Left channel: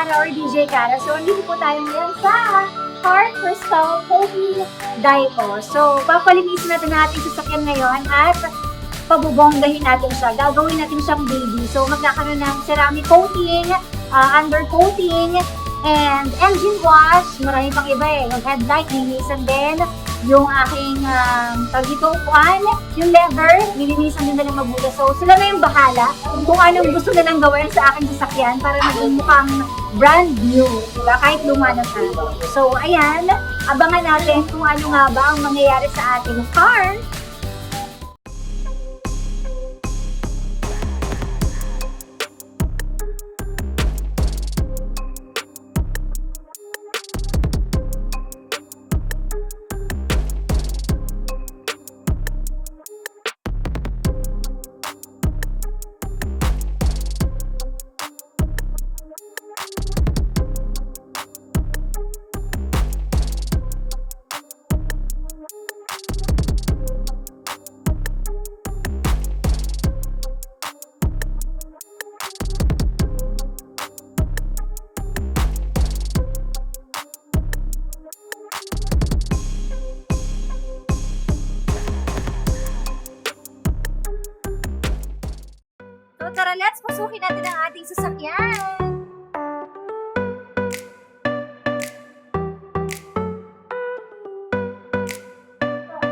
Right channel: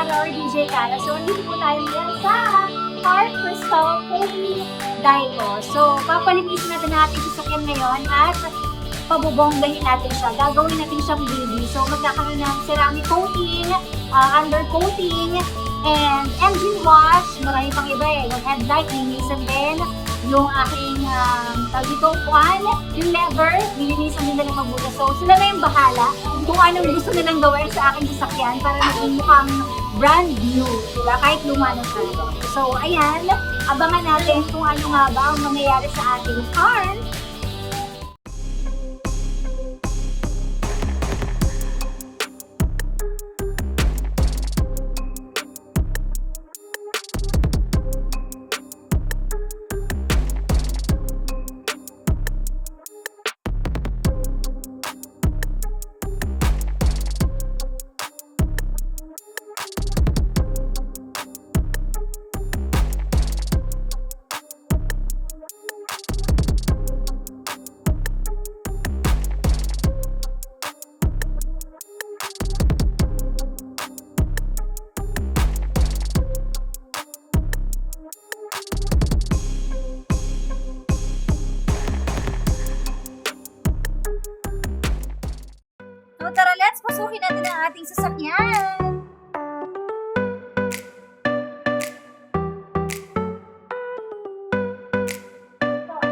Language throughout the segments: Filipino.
Cara or DJ Cara. So, nandito po tayo ngayon sa Car Crystal Holy Daiko. So, papalinisin natin ang ating sasakyan ngayon at pabubonggahin natin siya. Gagawin natin siyang baby. So, magkakaroon ng ceramic coating, undercoating, and engine wash. Marami pang iba eh. Yung headlight, linisan din. Yung aking upuan, yung leather, nilinisan din na lang mabuti. So, sila na yung bahala kung anong gusto nilang gawin sa aking sasakyan para maging mukhang brand new. Diba? Kahit luma na tayo. So, ayan. Abangan natin kung ano nga ba ang mangyayari sa ating car. So tara, let's pasukin natin ang ating sasakyan.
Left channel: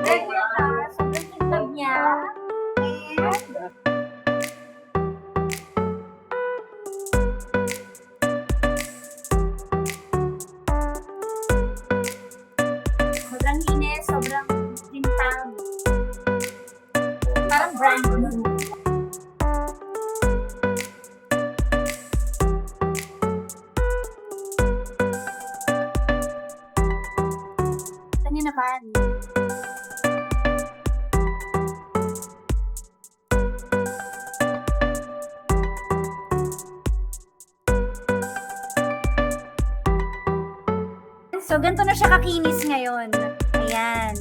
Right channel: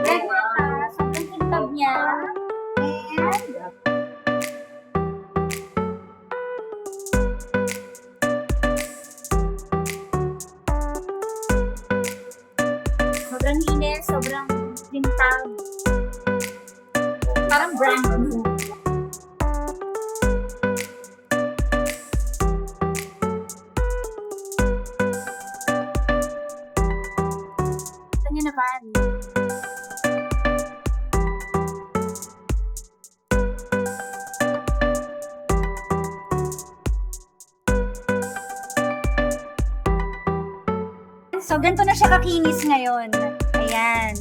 Ready na ka. Sobrang kintab niya. And sobrang linis, sobrang kintab. Parang brand new. Nyo naman. So, ganito na siya kakinis ngayon. Ayan.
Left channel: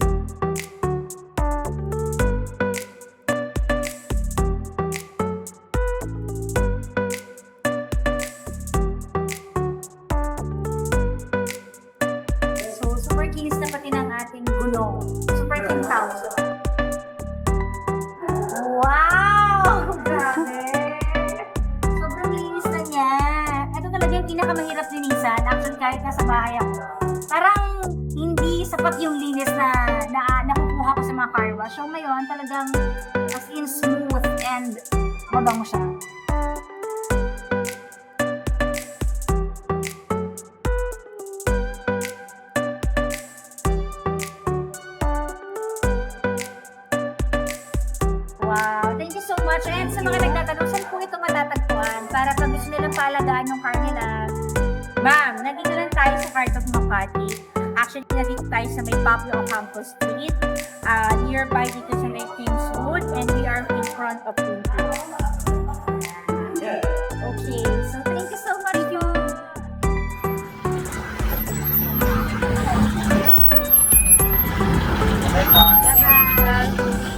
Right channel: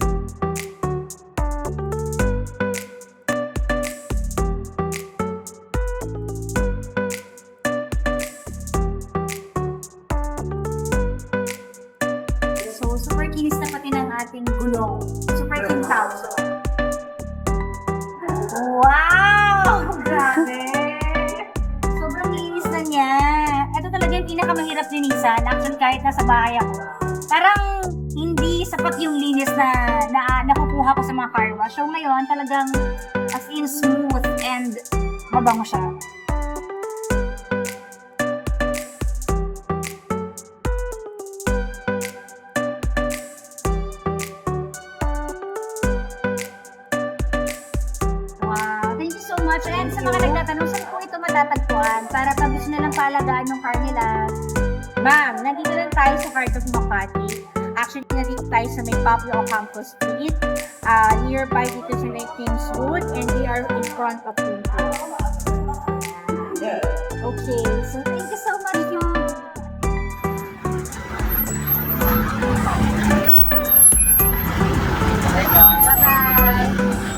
Super kinis na pati ng ating gulong. Super kintab. Wow! Grabe! Sobrang linis na niya. Ito talaga yung pinakamahirap linisan. Actually, kahit nasa bahay ako. Parang hindi sapat yung linis na nakukuha ko sa mga car wash. So ngayon, talagang as in smooth and mabango siya. Thank you so much. And sa mga nagtatanong, saan po ito matatagpuan? Para pag gusto nilang palagaan ng car nila. Ma'am, nandito lang tayo sa Heart of Makati. Actually, nandito tayo sa may Pablo Ocampo Street. Nearby dito sa may Kingswood. And we are in front of Kingswood. Okay, so thank you so much. Bye-bye.